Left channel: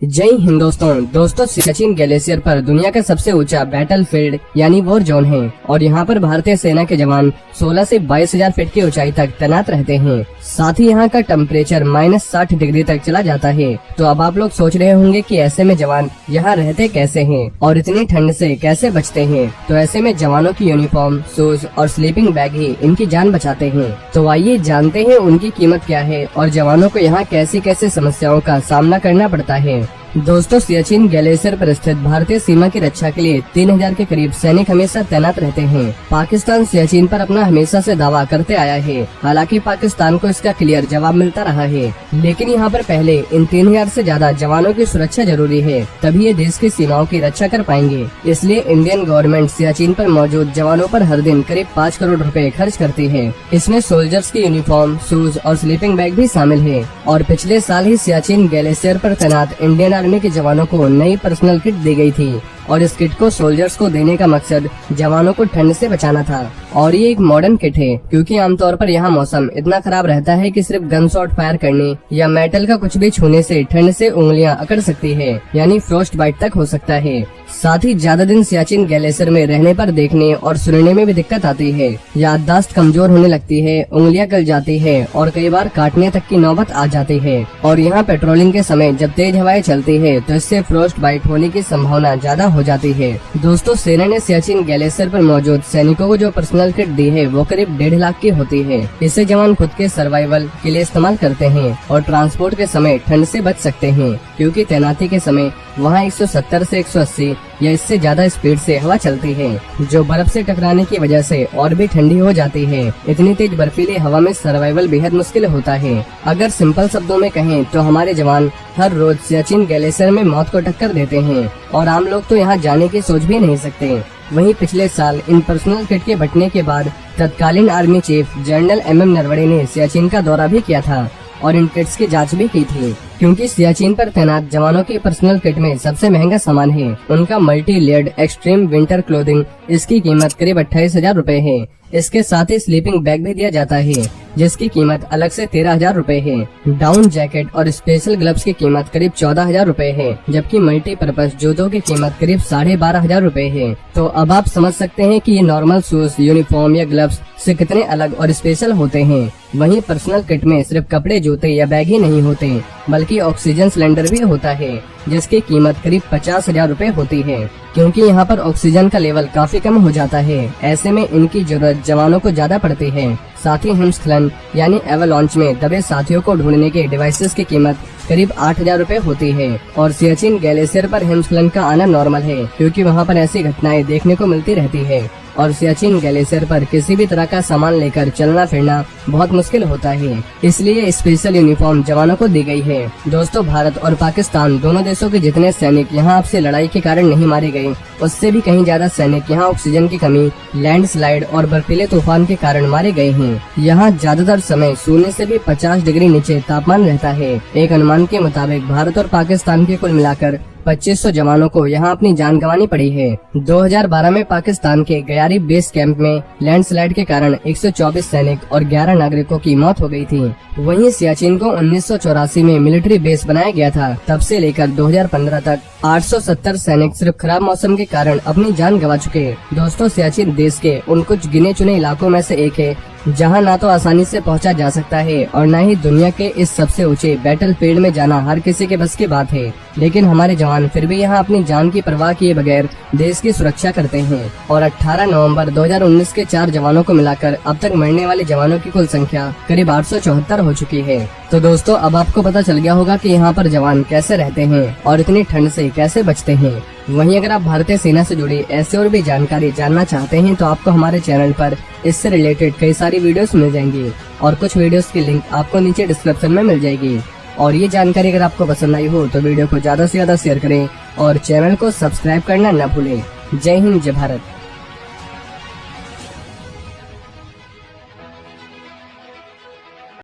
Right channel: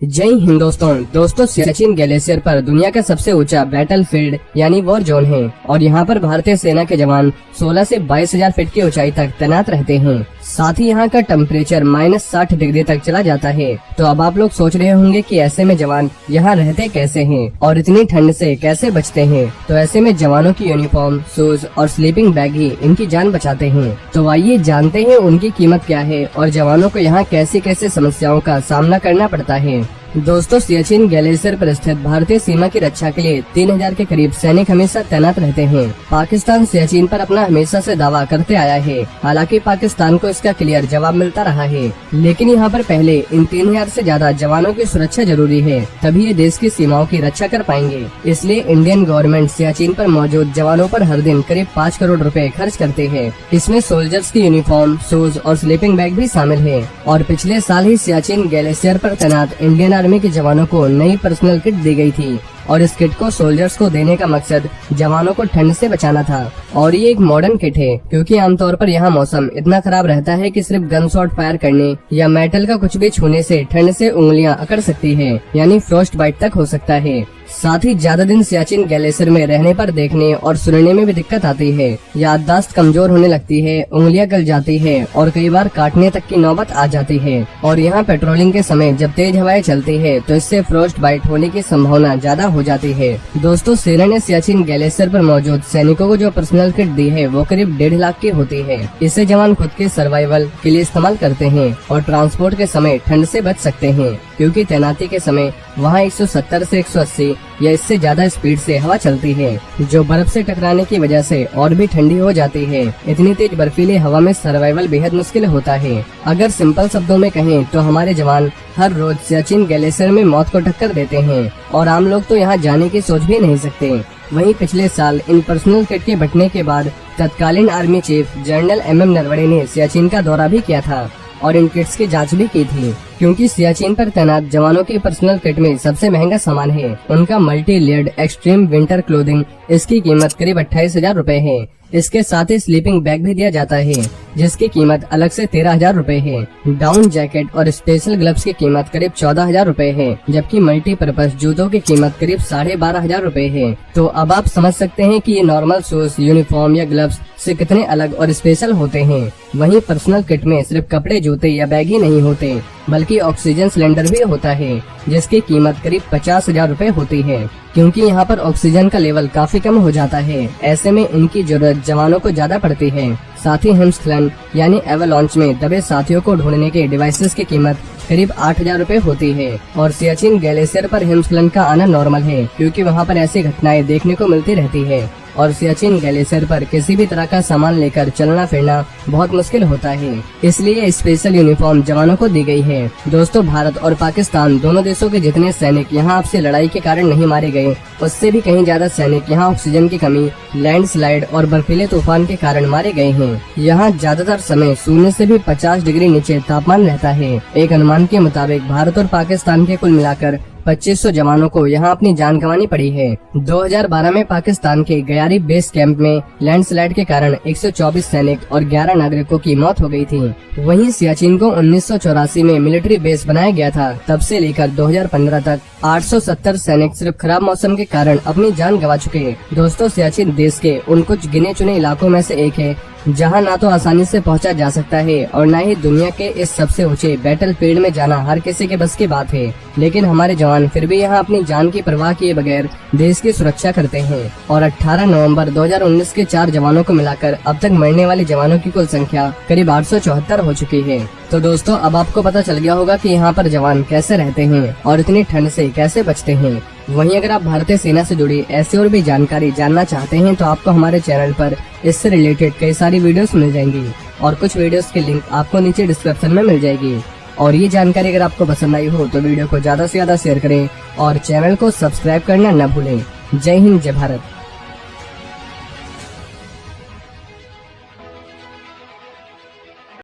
जय हिंद दोस्तों सियाचिन ग्लेशियर पर दुनिया का सबसे ऊंचा बैटलफील्ड यानी वॉर जोन है और यहाँ पर भारतीय सेना के जवान 16 से 22,000 फीट की ऊंचाई तक तैनात रहते हैं। साथ ही यहाँ का टेम्परेचर -60 डिग्री तक चला जाता है। तो अब आप लोग सोच रहे होंगे कि ऐसे में जवान यहाँ रहते कैसे हैं और इतनी ठंड से कैसे बचते हैं। तो ऐसे में जवानों की यूनिफॉर्म, शूज और स्लीपिंग बैग ही इनकी जान बचाते हैं। तो आइए जानते हैं उनकी कीमत क्या है और जवानों को यहाँ कैसे कैसे समस्याओं का सामना करना पड़ता है। दोस्तों, सियाचिन ग्लेशियर पर स्थित भारतीय सीमा की रक्षा के लिए 3000 के करीब सैनिक हमेशा तैनात रहते हैं। पाकिस्तान सियाचिन पर अपना हमेशा से दावा करते आया है। हालांकि पाकिस्तान को इसका क्लियर जवाब मिलता रहा है, लेकिन यहाँ पर पहले इन 3000 से ज्यादा जवानों की सुरक्षा जरूरी है, तभी ये देश की सीमाओं की रक्षा कर पाएंगे। इसलिए इंडियन गवर्नमेंट सियाचिन पर मौजूद जवानों पर हर दिन करीब 5 करोड़ रुपए खर्च करती है। इसमें सोल्जर्स की यूनिफॉर्म, शूज और स्लीपिंग बैग भी शामिल है। और पिछले साल ही सियाचिन ग्लेशियर पर तैनात इंडियन आर्मी के जवानों को नई पर्सनल किट दी गई थी और इस किट को सोल्जर्स को देने का मकसद जवानों को ठंड से बचाना था। और ये एक मॉडर्न किट है क्योंकि आमतौर पर यहाँ मौसम इतना खराब रहता है कि सिर्फ गन शॉट फायर करने या मेटल का कुछ भी छूने से ठंड से उंगलियां अकड़ सकती है, यानी फ्रॉस्ट बाइट तक हो सकता है। साथ ही ज्यादा दिन सियाचिन ग्लेशियर में रहने पर देखने और सुनने में भी दिक्कत आती है। याददाश्त कमजोर होने लगती है, उंगलियां गल जाती है और कई बार काटने तक की नौबत आ जाती है। और यहाँ पेट्रोलिंग के समय जब तेज हवाएं चलती है तो इससे फ्रॉस्ट बाइट होने की संभावना ज्यादा हो जाती है। दोस्तों, सेना ने सियाचिन ग्लेशियर पर मौजूद सैनिकों को जो पर्सनल किट दी है वो करीब 1.5 लाख की होती है। इससे जवान खुद के सर्वाइवल के लिए इस्तेमाल करते हैं और ट्रांसपोर्ट के समय ठंड से बच सकते हैं, क्योंकि तैनाती के समय वहाँ 170 से 180 या इससे ज्यादा स्पीड से हवा चलती है, जो बर्फ से टकराने की वजह से और भी ठंडी हो जाती है। इतनी तेज बर्फीली हवा में सर्वाइवल बेहद मुश्किल होता है। अगर सिंपल शब्दों में कहें तो हमारे जवान हर रोज सियाचिन ग्लेशियर में मौत को टक्कर देते हैं और आम लोग तो यहाँ जाने की सोच भी नहीं सकते। वहीं पिछले साल इन पर्सनल किट के बंटने के बाद तत्कालीन army chief general MM Naravane ने सियाचिन का दौरा भी किया था और इन किट्स की जांच भी की थी, क्योंकि सियाचिन पर तैनात जवानों के पर्सनल किट में सबसे महंगा सामान है उनका multi layered extreme winter clothing. इसकी कीमत करीब 28,000 रुपए है। इसके साथ ही स्लीपिंग बैग भी दिया जाता है जिसकी कीमत अलग से 13,000 रुपए है। डाउन जैकेट और स्पेशल ग्लव्स की कीमत करीब 14,000 रुपए है, जबकि मल्टीपर्पज जूतों की कीमत करीब 12,500 रुपए है। तो अब आप समझ सकते हैं कि ये नॉर्मल शूज, यूनिफॉर्म या ग्लव्स से कितने अलग और स्पेशल होते हैं। वहीं पर्सनल किट में सिर्फ कपड़े, जूते या बैग ही नहीं होते, बल्कि ऑक्सीजन सिलेंडर भी होता है जिसकी कीमत करीब 50,000 रुपए होती है, क्योंकि यहाँ पर ऑक्सीजन का लेवल काफी कम हो जाता है। ऐसे में इनकी जरूरत जवानों को ज्यादा पड़ती है। साथ ही हिमस्खलन यानी एवलांच में दबे साथियों को ढूंढने के डिवाइसेस की कीमत करीब 8,000 रुपए होती है। और सियाचिन ग्लेशियर पर हिमस्खलन का आना नॉर्मल है, क्योंकि वहाँ पर ऐसी घटनाएं देखने को मिलती रहती है और सियाचिन ग्लेशियर पर किसी भी तरह का सामान लेकर चलना फिरना बहुत मुश्किल होता है। इसलिए स्पेशल यूनिफॉर्म जवानों को दी गई है। दोस्तों, भारत और पाकिस्तान दोनों देशों के जितने सैनिक यहाँ आपसे लड़ाई के कारण नहीं मारे गए, उससे भी कहीं ज्यादा सैनिक यहाँ ऑक्सीजन की कमी, लैंडस्लाइड और बर्फीले तूफान के कारण मारे गए हैं। यहाँ ज्यादातर समय शून्य से भी 50 डिग्री नीचे तापमान रहता है। एक अनुमान के मुताबिक भारत और पाकिस्तान के कुल मिलाकर 2500 जवानों को यहाँ अपनी जान गंवानी पड़ी है। 2012 में पाकिस्तान के गयारी बेस कैंप में लैंडस्लाइड के कारण 124 सैनिक और 11 नागरिकों की मौत हो गई थी। वहीं सियाचिन को 1984 में मिलिट्री बेस बनाया गया था। तब से लेकर 2015 तक 870 सैनिक सिर्फ खराब मौसम के कारण अपनी जान गंवा चुके हैं। दोस्तों, सियाचिन देश के उन कुछ गिने चुने इलाकों में से एक है जहां ना तो आसानी से पहुंचा जा सकता है और न ही दुनिया के इस सबसे ऊंचे बैटलफील्ड में जाना हर किसी के बस की बात है। लेकिन हमारे जवान फिर भी यहां अपनी जान की परवाह किए बगैर देश की सुरक्षा करते हैं। और 18 नवंबर 2019 के 4 जवानों को मिलाकर अब तक मरने वाले जवानों की कुल संख्या करीब 874 हो चुकी है। तो दोस्तों, अब आपको पता चल गया होगा कि यहाँ पर जवान कैसे रहते हैं और इतनी ठंड से कैसे बचते हैं। वहीं अगर आप भारतीय सेना से जुड़ी ऐसी और भी जानकारी जानना चाहते हैं तो आपको हमारे चैनल पर इससे रिलेटेड कई सारी वीडियोस मिल जाएंगी और कुछ वीडियोस के लिंक आपको नीचे डिस्क्रिप्शन में मिल जाएगी। और ये जानकारी अगर आपको पसंद आई हो तो वीडियो को ज्यादा से ज्यादा शेयर करें और चैनल को सब्सक्राइब करना न भूलें। जय हिंद, जय भारत।